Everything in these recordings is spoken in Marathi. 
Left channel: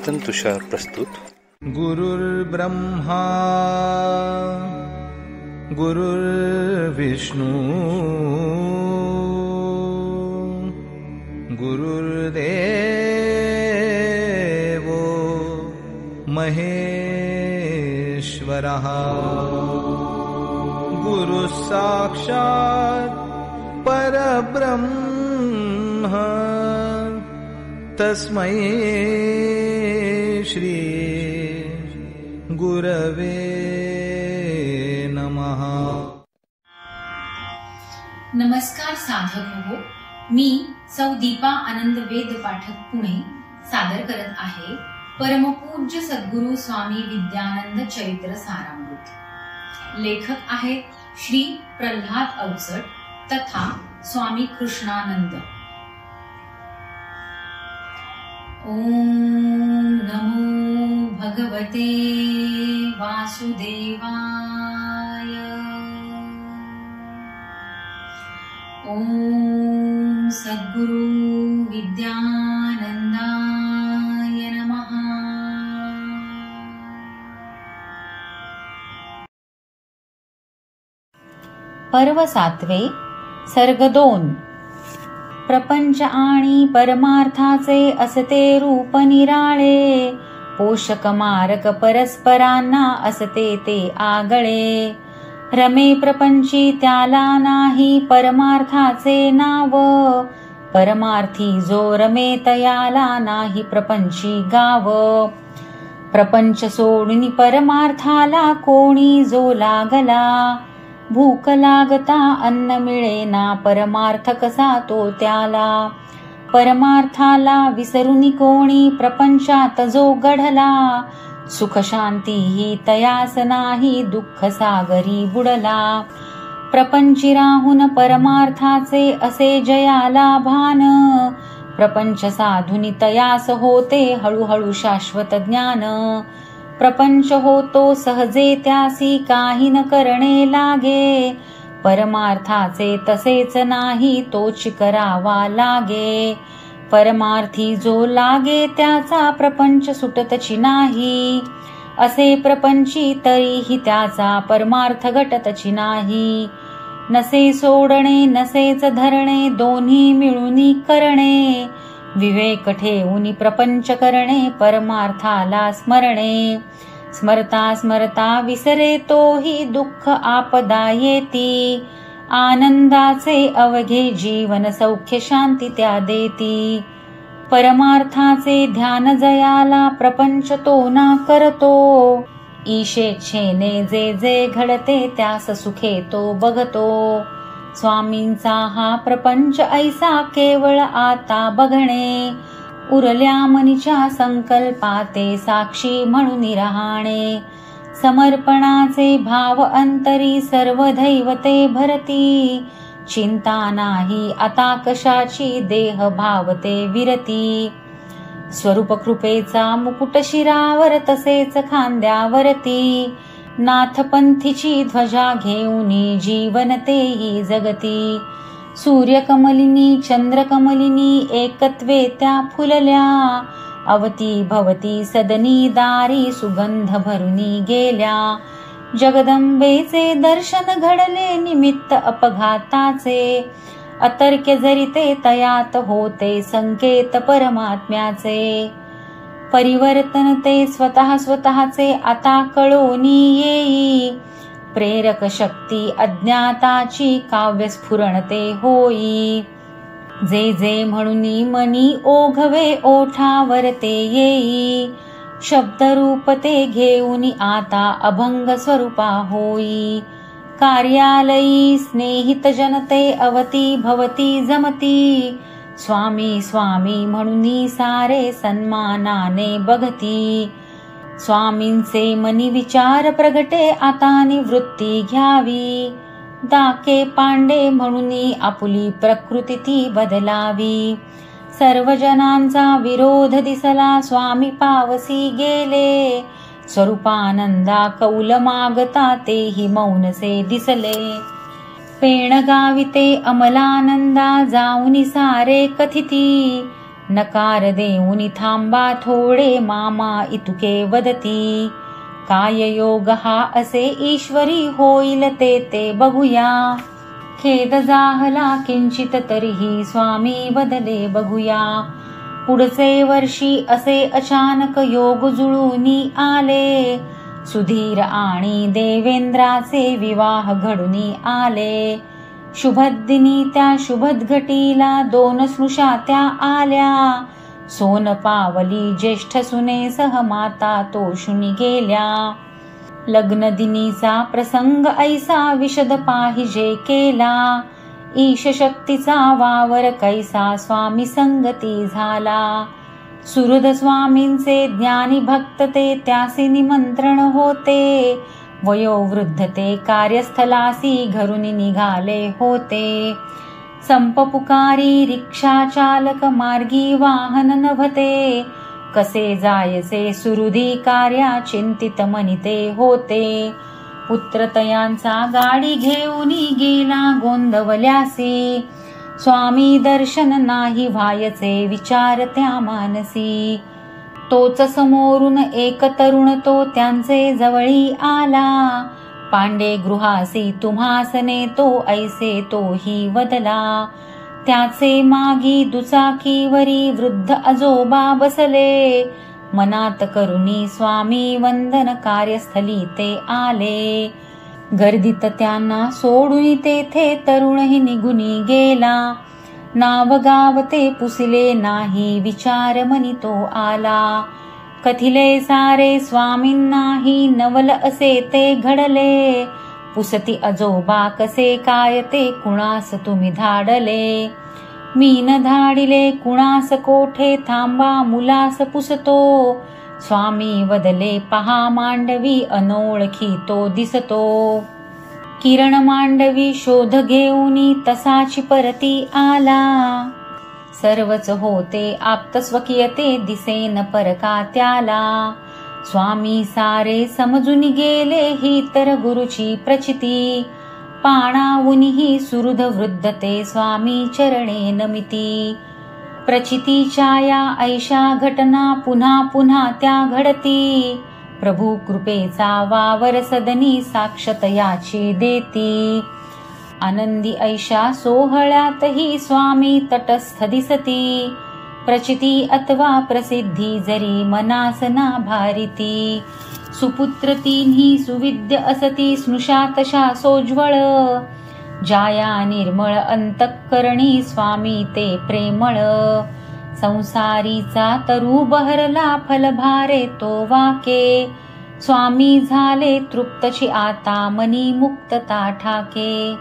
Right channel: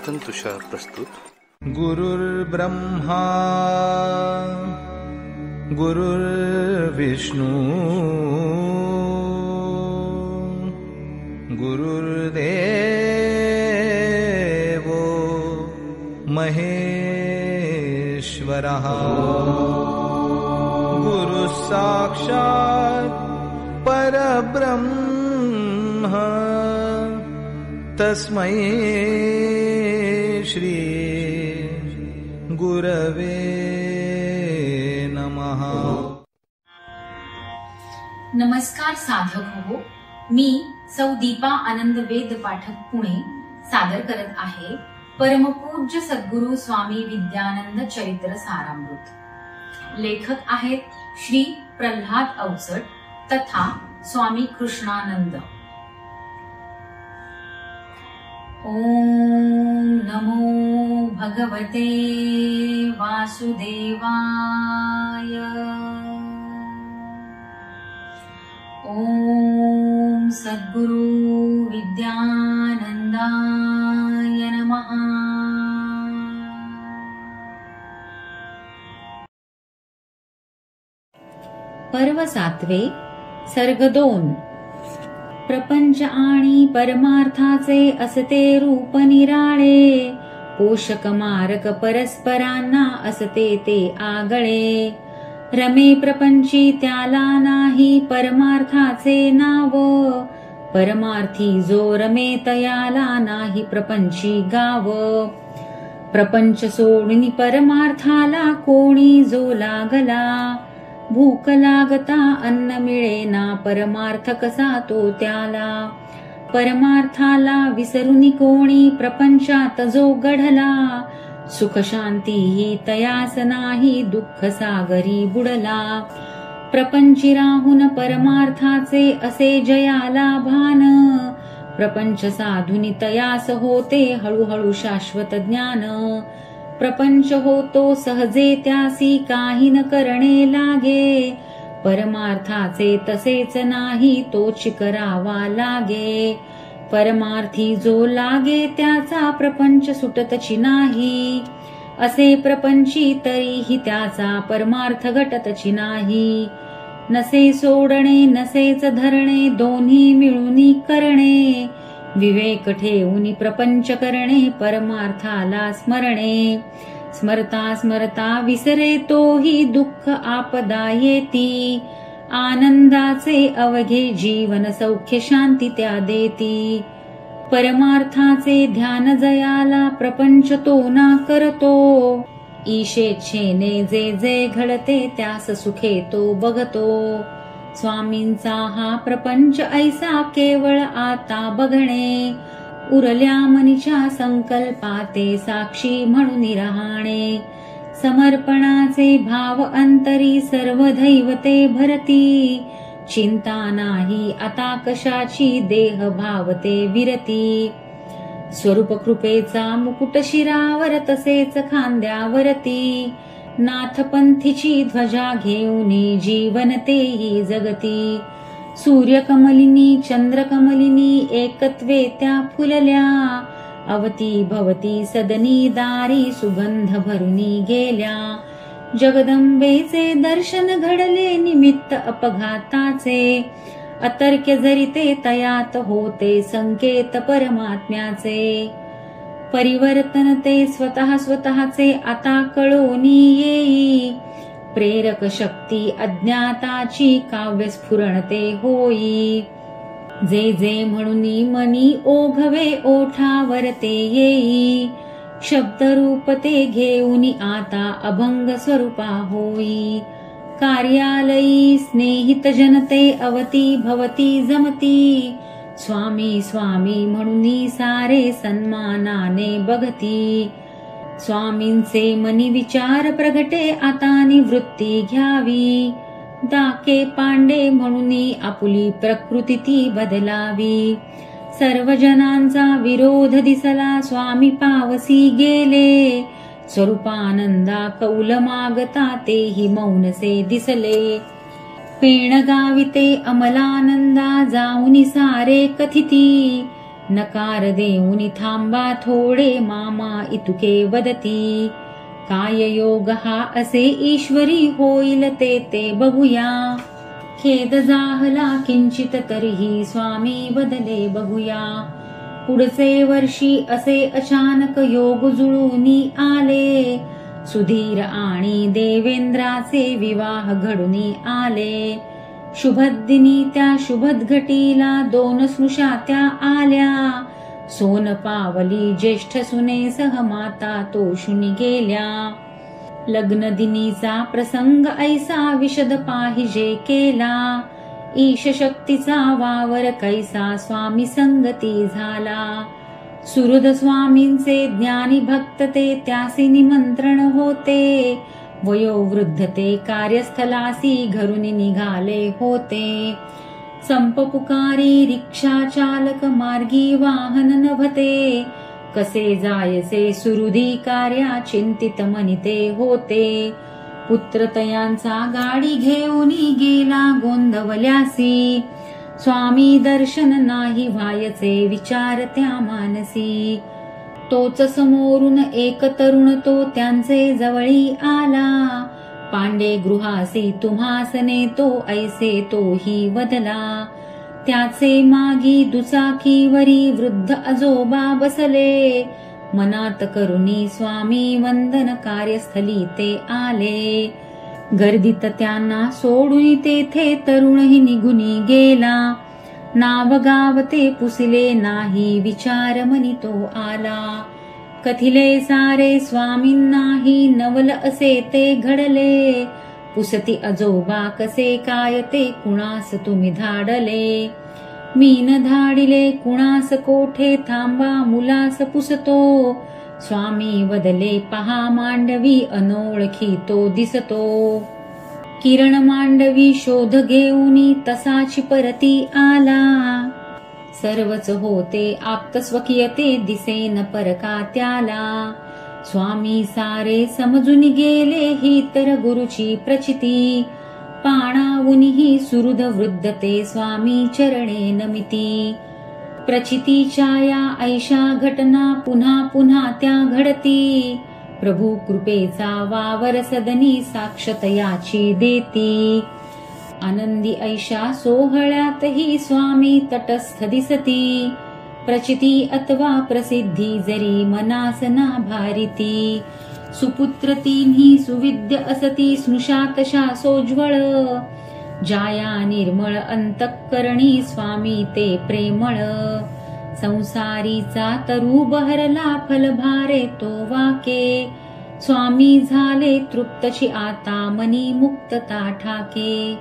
चिंतन तुषार प्रस्तुत. गुरुर्ब्रह्मा गुरुर्विष्णू गुरुर्देवो महेश्वरः गुरुः साक्षात् परब्रह्म तस्मै श्री गुरवे नमः. नमस्कार साधक हो, मी सौ दीपा आनंद वेद पाठक पुणे सादर करत आहे परमपूज्य सद्गुरु स्वामी विद्यानंद चरित्र सारामृत. लेखक आहेत श्री प्रल्हाद अवचट तथा स्वामी कृष्णानंद. ओम नमो भगवते वासुदेवाय. ओम सद्गुरु विद्यानंदाय नमः. पर्व 7 सर्ग 2. प्रपंच आणि परमार्थाचे असते रूप निराळे, पोषक मारक परस्परांना असते ते आगळे. रमे प्रपंची त्याला नाही परमार्थाचे नाव, परमार्थी जो रमे तयाला नाही प्रपंची गाव. प्रपंच सोडून परमार्थाला कोणी जो लागला, भूक लागता अन्न मिळेना परमार्थ कसा तो त्याला. परमार्थाला विसरून कोणी प्रपंचात जो गढला, सुख शांती ही तयास नाही दुःख सागरी बुडला. प्रपंची राहून परमार्थाचे असे जयाला भान, प्रपंच साधुनी तयास होते हळूहळू शाश्वत ज्ञान. प्रपंच होतो सहजे त्यासी काही न करणे लागे, परमार्थाचे तसेच नाही तोची करावा लागे. परमार्थी जो लागे त्याचा प्रपंच सुटतची नाही, असे प्रपंची तरीही त्याचा परमार्थ घटतची नाही. नसे सोडणे नसेच धरणे दोन्ही मिळून करणे, विवेक ठेवून प्रपंच करणे परमार्थाला स्मरणे. स्मरता स्मरता विसरे तोही दुःख आपदा येती, आनंदाचे अवघे जीवन सौख्य शांती त्या देती. परमार्थाचे ध्यान जयाला प्रपंच तो ना करतो, ईशेच्छेने जे जे घडते त्यास सुखे तो बघतो. स्वामींचा हा प्रपंच ऐसा केवळ आता बघणे, उरल्या मनीच्या संकल्पाते साक्षी म्हणून राहणे. समर्पणाचे भाव अंतरी सर्व दैवते भरती, चिंता नाही आता कशाची देह भावते विरती. स्वरूप कृपेचा मुकुट शिरावर तसेच खांद्यावरती, नाथपंथीची ध्वजा घेऊनी जीवन तेही जगती. सूर्यकमलिनी चंद्रकमलिनी एकत्वे त्या फुलल्या, अवती भवती सदनी दारी सुगंध भरुनी गेल्या. जगदंबेचे दर्शन घडले निमित्त अपघाताचे, अतर्क्य जरिते तयात होते संकेत परमात्म्याचे. परिवर्तन ते स्वतः स्वतःचे आता कळोनी येई, प्रेरक शक्ती अज्ञाताची काव्य स्फुरणते होई. जे जे म्हणून मनी ओघवे ओठावरते येई, शब्दरूप ते घेऊन आता अभंग स्वरूपा होई. कार्यालयी स्नेहित जनते अवती भवती जमती, स्वामी स्वामी म्हणून सारे सन्मानाने बघती. स्वामींचे मनी विचार प्रगटे आता निवृत्ती घ्यावी, दाके पांडे म्हणून आपुली प्रकृती ती बदलावी. सर्व जनांचा विरोध दिसला स्वामी पावसी गेले, स्वरूपानंदा कौल मागता तेही मौनसे दिसले. पेण गाविते अमलानंदा जाऊनी सारे कथिती, नकार देऊनी थांबा थोडे मामा इतुके वदती. काय योग हा असे ईश्वरी होईल ते बघूया. खेद जाहला किंचित तरीही स्वामी वदले बघूया. पुढचे वर्षी असे अचानक योग जुळूनी आले. सुधीर आणि देवेंद्राचे विवाह घडूनी आले. शुभदिनी त्या शुभदघटीला 2 स्नुषा त्या आल्या. सोन पावली ज्येष्ठ सुनेसह माता तोषुनी गेल्या. लग्नदिनीचा प्रसंग ऐसा विशद पाहिजे केला. ईश शक्तीचा वावर कैसा स्वामी संगती झाला. सुहृद स्वामींचे ज्ञानी भक्त ते त्यासी निमंत्रण होते. वयोवृद्ध ते कार्यस्थलासी घरून निघाले होते. संप पुकारी रिक्षा चालक मार्गी वाहन नव्हते. कसे जायचे सुहृदी कार्या चिंतित मनिते होते. पुत्रतयांचा गाडी घेऊनी गेला गोंदवल्यासी. स्वामी दर्शन नाही व्हायचे विचार त्या मानसी. तोच समोरून एक तरुण तो त्यांचे जवळी आला. पांडे गृहासी तुम्हास नेतो ऐसे तोही वदला. त्याचे मागी दुचाकीवरी वृद्ध आजोबा बसले. मनात करुणी स्वामी वंदन कार्यस्थली ते आले. गर्दीत त्यांना सोडून तेथे तरुणही निघुनी गेला. नाव गाव ते पुसिले नाही विचार मनी तो आला. कथिले सारे स्वामींनाही नवल असे ते घडले. पुसती आजोबा कसे काय ते कुणास तुम्ही धाडले. मीन धाडिले कुणास कोठे थांबा मुलास पुसतो. स्वामी वदले पहा मांडवी अनोळखी तो दिसतो. किरण मांडवी शोध घेऊनी तसाची परती आला. सर्वच होते आप्तस्वकीय ते दिसेन परका त्याला. स्वामी सारे समजून गेले ही तर गुरुची प्रचिती. पाणावूनही सुहृद वृद्ध ते स्वामी चरणे नमिती. प्रचितीच्या या ऐशा घटना पुन्हा पुन्हा त्या घडती. प्रभू कृपेचा वावर सदनी साक्षत याची देती. आनंदी ऐशा सोहळ्यातही स्वामी तटस्थ दिसती. प्रचिती अथवा प्रसिद्धी जरी मनास ना भारिती. सुपुत्र तिन्ही सुविद्य असती स्नुषा तशा सोज्वळ. जाया निर्मळ अंतःकरणी स्वामी ते प्रेमळ. संसारीचा तरु बहरला फलभारे तो वाके. स्वामी झाले तृप्तची आता मनी मुक्तता ठाके.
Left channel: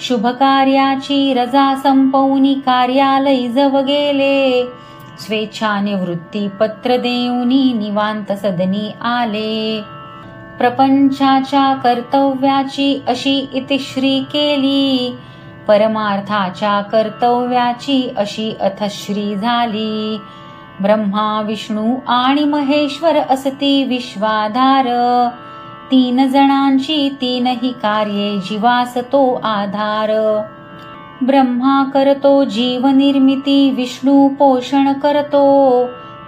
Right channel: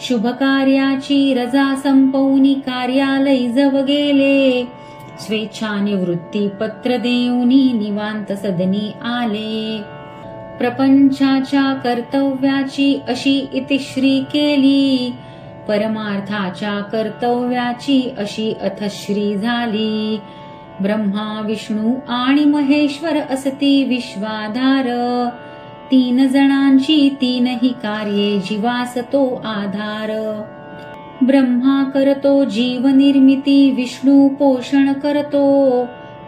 शुभ कार्याची रजा संपवूनी कार्यालय जव गेले. स्वेच्छानिवृत्ती पत्र देऊनी निवांत सदनी आले. प्रपंचाच्या कर्तव्याची अशी इतिश्री केली. परमार्थाच्या कर्तव्याची अशी अथश्री झाली. ब्रह्मा विष्णू आणि महेश्वर असती विश्वाधार. 3 जणांची 3ही कार्ये जीवास तो आधार. ब्रह्मा करतो जीव निर्मिती विष्णू पोषण करतो.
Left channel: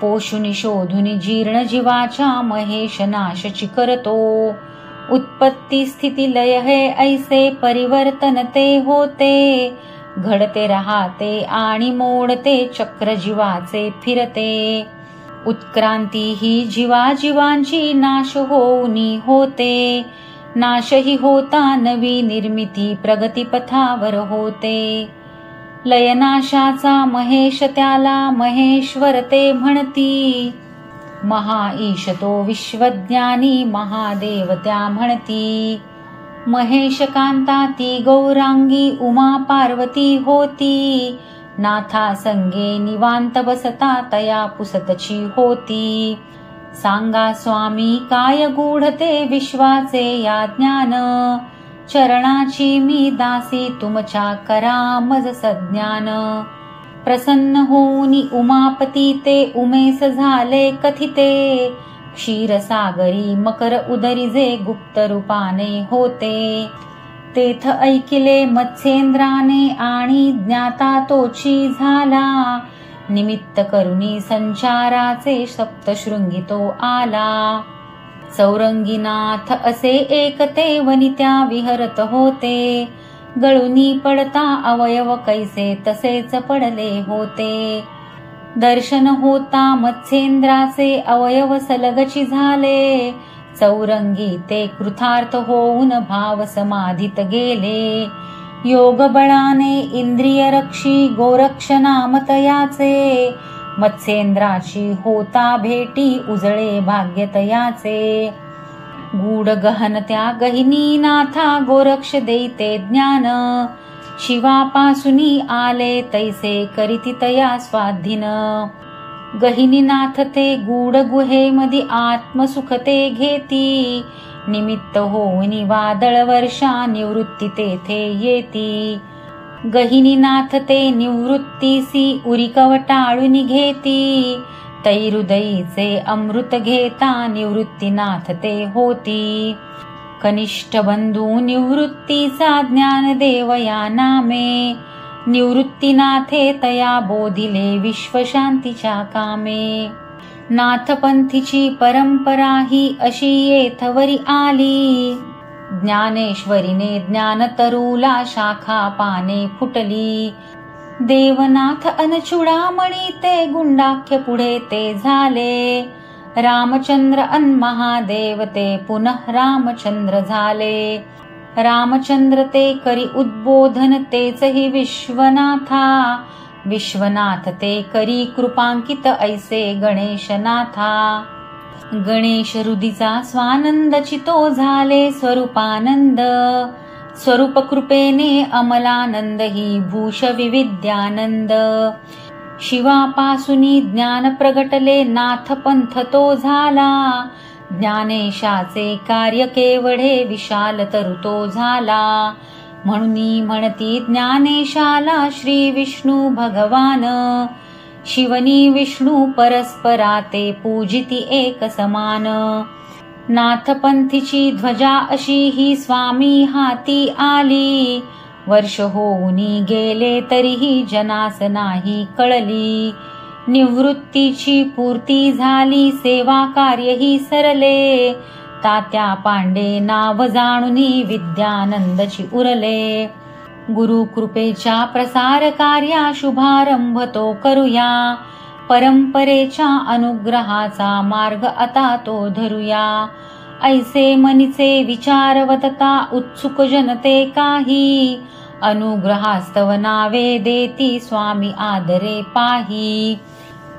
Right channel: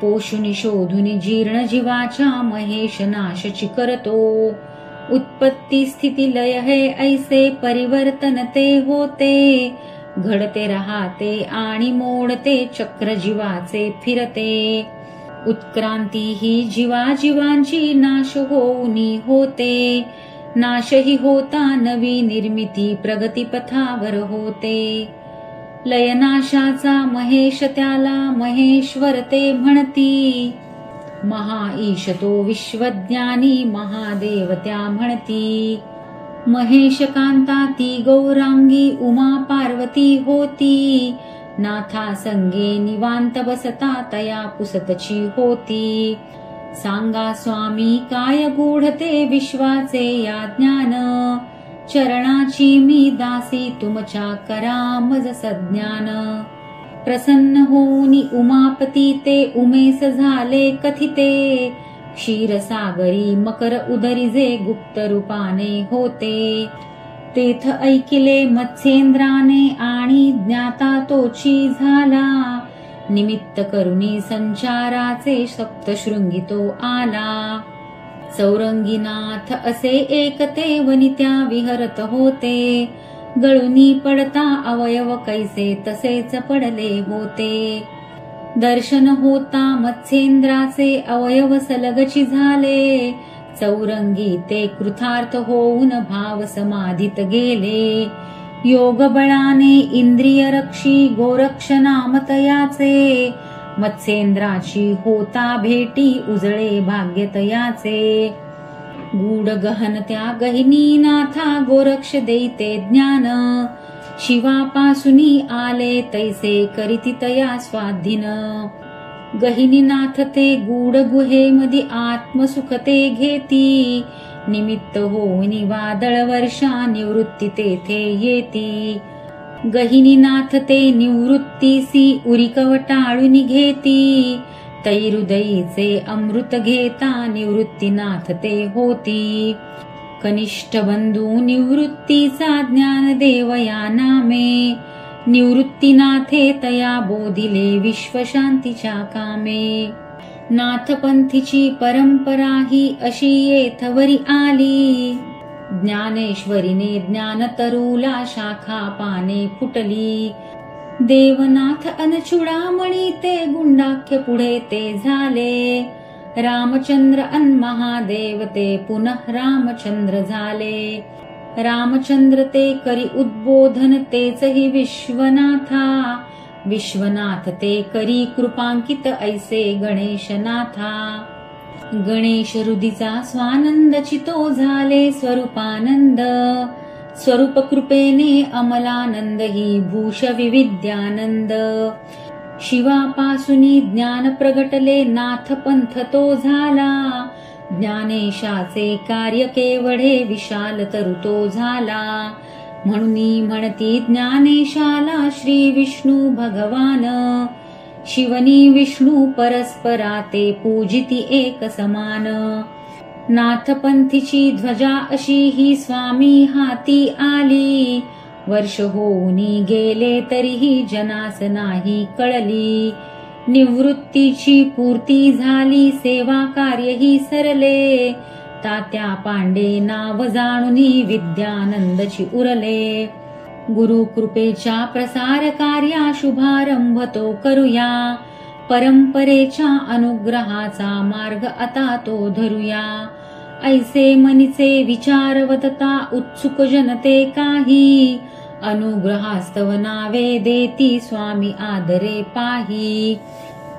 पोषुनी शोधुनी जीर्ण जीवाच्या महेश नाशची करतो. उत्पत्ती स्थिती लय हे ऐसे परिवर्तन ते होते. घडते राहते आणि मोडते चक्र जीवाचे फिरते. उत्क्रांती ही जीवाजीवांची नाश होऊनी होते. नाशही होता नवी निर्मिती प्रगतीपथावर होते. लयनाशाचा महेश त्याला महेश्वर ते म्हणती. महाईश तो विश्वज्ञानी महादेव त्या म्हणती. महेश कांता ती गौरांगी उमा पार्वती होती. नाथा संगे निवांत बसता तया पुसतची होती. सांगा स्वामी काय गूढते विश्वाचे या ज्ञान. चरणाची मी दासी तुमच्या करा मज सज्ञान. प्रसन्न होऊनी उमापती ते उमेस झाले कथिते. क्षीरसागरी मकर उदरी जे गुप्त रूपाने होते. तेथ ऐकिले मत्स्येंद्राने आणि ज्ञाता तोची झाला. निमित्त करुणी संचाराचे सप्तशृंगी तो आला. चौरंगीनाथ असे एक ते वनित्या विहरत होते. गळुनी पडता अवयव कैसे तसेच पडले होते. दर्शन होता मत्स्येंद्राचे अवयव सलगची झाले. चौरंगी ते कृतार्थ होऊन भाव समाधीत गेले. योग बळाने इंद्रिय रक्षी गोरक्ष नाम तयाचे. मत्स्येंद्राची होता भेटी उजळे भाग्य तयाचे. गूढ गहन त्या गहिनीनाथा गोरक्ष देते ज्ञान. शिवापासुनी आले तैसे करीती तया स्वाधीन. गहिनीनाथ ते गूढ गुहेमधी आत्मसुखते घेती. निमित्त होऊनी वादळ वर्षा निवृत्ती तेथे येती. गहिनीनाथ ते निवृत्तीसी उरी कवटाळून घेती. तै हृदयीचे अमृत घेता निवृत्तीनाथ ते होती. कनिष्ठ बंधू निवृत्तीचा ज्ञानदेव या नामे. निवृत्तीनाथे तया बोधिले विश्वशांतीच्या कामे. नाथपंथीची परंपरा ही अशी येथवरी आली. ज्ञानेश्वरीने ज्ञानतरुला शाखा पाने फुटली. देवनाथ अनचुडामणी ते गुंडाख्य पुढे ते झाले. रामचंद्र अन महादेव ते पुनः रामचंद्र झाले. रामचंद्र ते करी उद्बोधन तेचही विश्वनाथा. विश्वनाथ ते करी कृपांकित ऐसे गणेशनाथा. गणेश हृदीचा स्वानंद चितो झाले स्वरूपानंद. स्वरूप कृपेने अमलानंद ही भूष विविद्यानंद. शिवापासुनी ज्ञान प्रगटले नाथ पंथ तो झाला. ज्ञानेशाचे कार्य केवढे विशाल तरु तो झाला. म्हणून म्हणती ज्ञानेशाला श्री विष्णू भगवान. शिवनी विष्णू परस्परा ते पूजिती एक समान. नाथपंथीची ध्वजा अशी ही स्वामी हाती आली. वर्ष होऊनी गेले तरीही जनास नाही कळली. निवृत्तीची पूर्ती झाली सेवा कार्यही सरले. तात्या पांडे नाव जाणुनी विद्यानंदची उरले. गुरु कृपेच्या प्रसार कार्या शुभारंभ तो करूया. परंपरेच्या अनुग्रहाचा मार्ग आता तो धरूया. ऐसे मनीचे विचार वदता उत्सुक जनते काही. अनुग्रहास्तव नावे देती स्वामी आदरे पाही.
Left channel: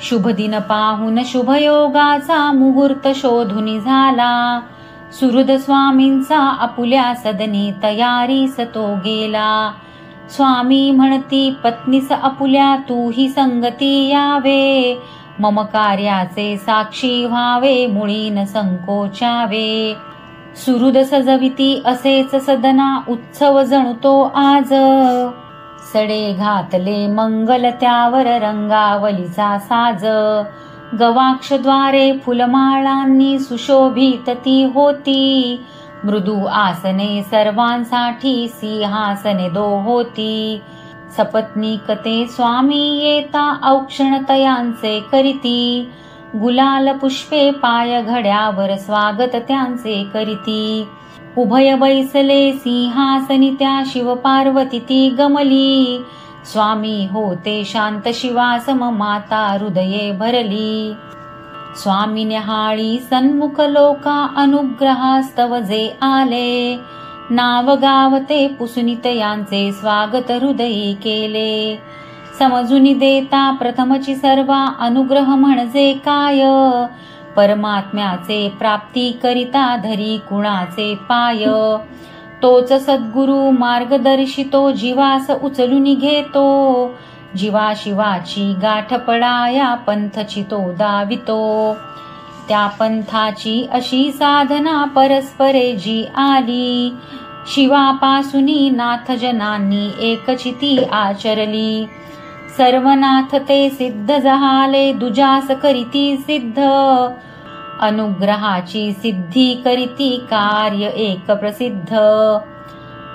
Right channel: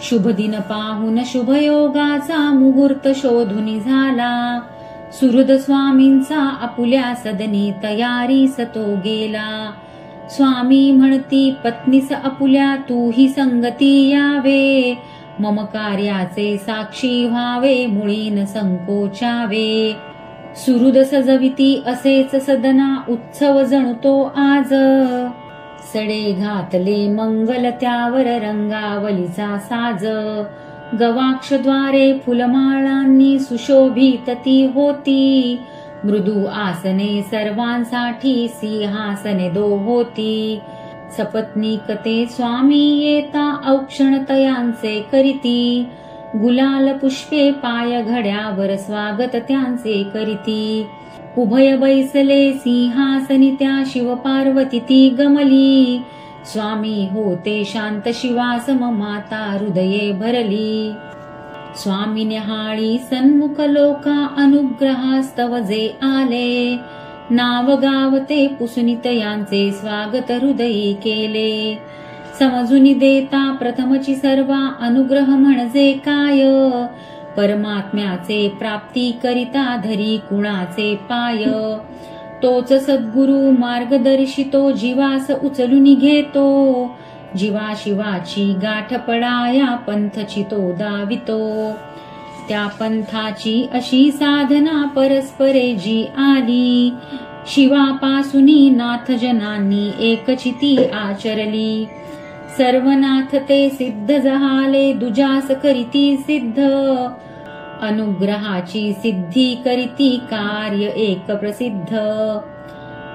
शुभ दिन पाहून शुभयोगाचा मुहूर्त शोधून झाला. सुहृद स्वामींचा आपुल्या सदनी तयारीस तो गेला. स्वामी म्हणती पत्नीस आपुल्या तूही संगती यावे. मम कार्याचे साक्षी व्हावे मुळी न संकोचावे. सुहृद सजविती असेच सदना उत्सव जणतो आज. सडे घातले मंगल त्यावर रंगावलीचा साज. गवाक्षद्वारे फुलमाळांनी सुशोभित ती होती. मृदू आसने सर्वांसाठी सिंहासने दो होती. सपत्नीक ते स्वामी येता औक्षण तयांचे करीती. गुलाल पुष्पे पाय घड्यावर स्वागत त्यांचे करीती. उभय बैसले सिंहासनी त्या शिव पार्वती ती गमली. स्वामी होते शांत शिवासम माता हृदये भरली. स्वामी न्याहाळी सन्मुख लोका अनुग्रहास्तव जे आले. नाव गावते पुसुनित यांचे स्वागत हृदयी केले. समजून देता प्रथमची सर्वा अनुग्रह म्हणजे काय. परमात्म्याचे प्राप्ती करिता धरी कुणाचे पाय. तोच सद्गुरु मार्गदर्शितो जीवास उचलून घेतो. जीवा शिवाची गाठ पडाया पंथची तो दावितो. त्या पंथाची अशी साधना परस्परे जी आली. शिवापासुनी नाथजनांनी एकचिती आचरली. सर्वनाथ ते सिद्ध झाले दुजास करीती सिद्ध. अनुग्रहाची सिद्धी करीती कार्य एक प्रसिद्ध.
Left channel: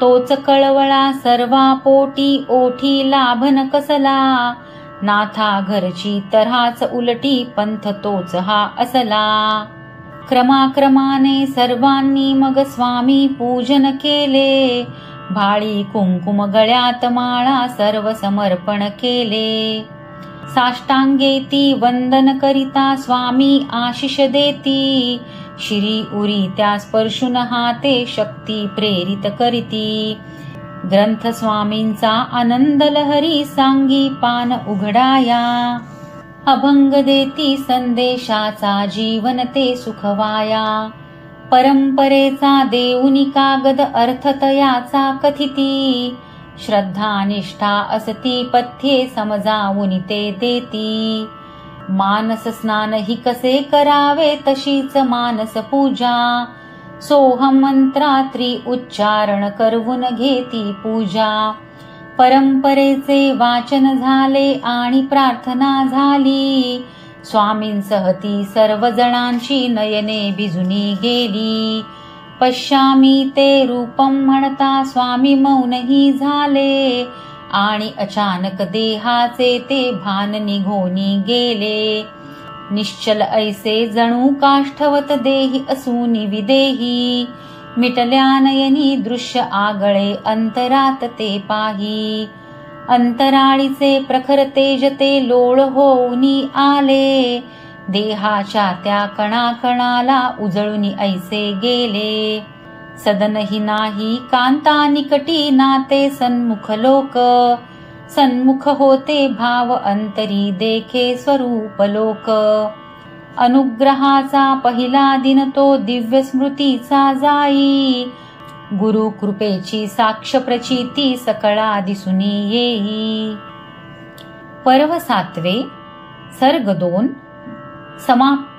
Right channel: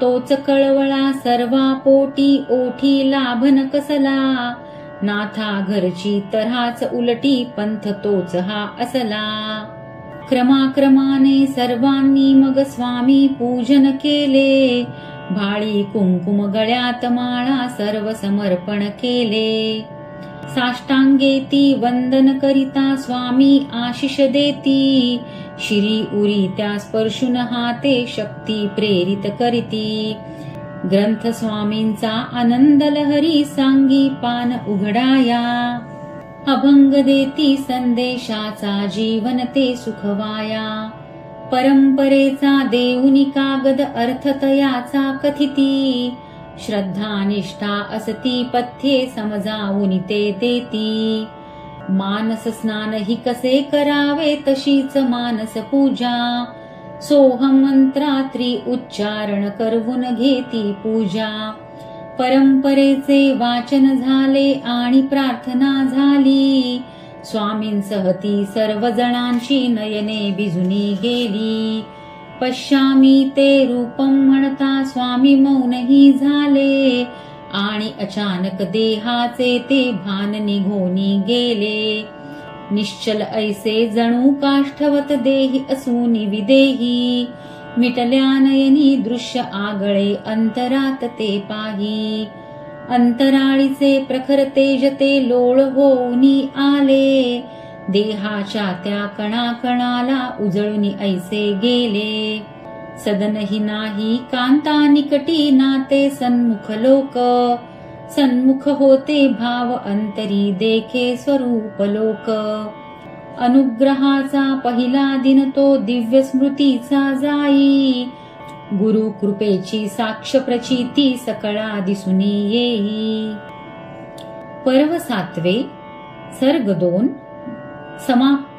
तोच कळवळा सर्वा पोटी ओठी लाभन कसला. नाथा घरची तऱ्हाच उलटी पंथ तोच हा असला. क्रमाक्रमाने सर्वांनी मग स्वामी पूजन केले. भाळी कुंकुम गळ्यात माळा सर्व समर्पण केले. साष्टांगेती वंदन करिता स्वामी आशिष देती. शिरी उरी त्या स्पर्शून हाते शक्ती प्रेरित करीती. ग्रंथ स्वामींचा आनंद लहरी सांगी पान उघडाया. अभंग देती संदेशाचा जीवन ते सुखवाया. परंपरेचा देऊनी कागद अर्थ तयाचा कथिती. श्रद्धा निष्ठा असती पथ्ये समजावून ते देती. मानस स्नान ही कसे करावे तशीच मानस पूजा. सोहम मंत्रात्री उच्चारण करवून घेती पूजा. परंपरेचे वाचन झाले आणि प्रार्थना झाली. स्वामींसह ती सर्व जणांची नयने भिजुनी गेली. पश्यामी ते रूपम म्हणता स्वामी मौनही झाले. आणि अचानक देहाचे ते भान निघोनी गेले. निश्चल ऐसे जणू काष्ठवत देही असूनी विदेही. मिटल्या नयनी दृश्य आगळे अंतरात ते पाही. अंतराळीचे प्रखर तेज ते लोळ होऊनी आले. देहाच्या त्या कणाकणाला उजळूनी ऐसे गेले. सदनही नाही कांता निकटी नाते सन्मुख लोक. सन्मुख होते भाव अंतरी देखे स्वरूप लोक. अनुग्रहाचा पहिला दिन तो दिव्य स्मृतीचा जाई. गुरु कृपेची साक्ष प्रचिती सकळा दिसुनी येई. पर्व 7 सर्ग 2 समाप्त.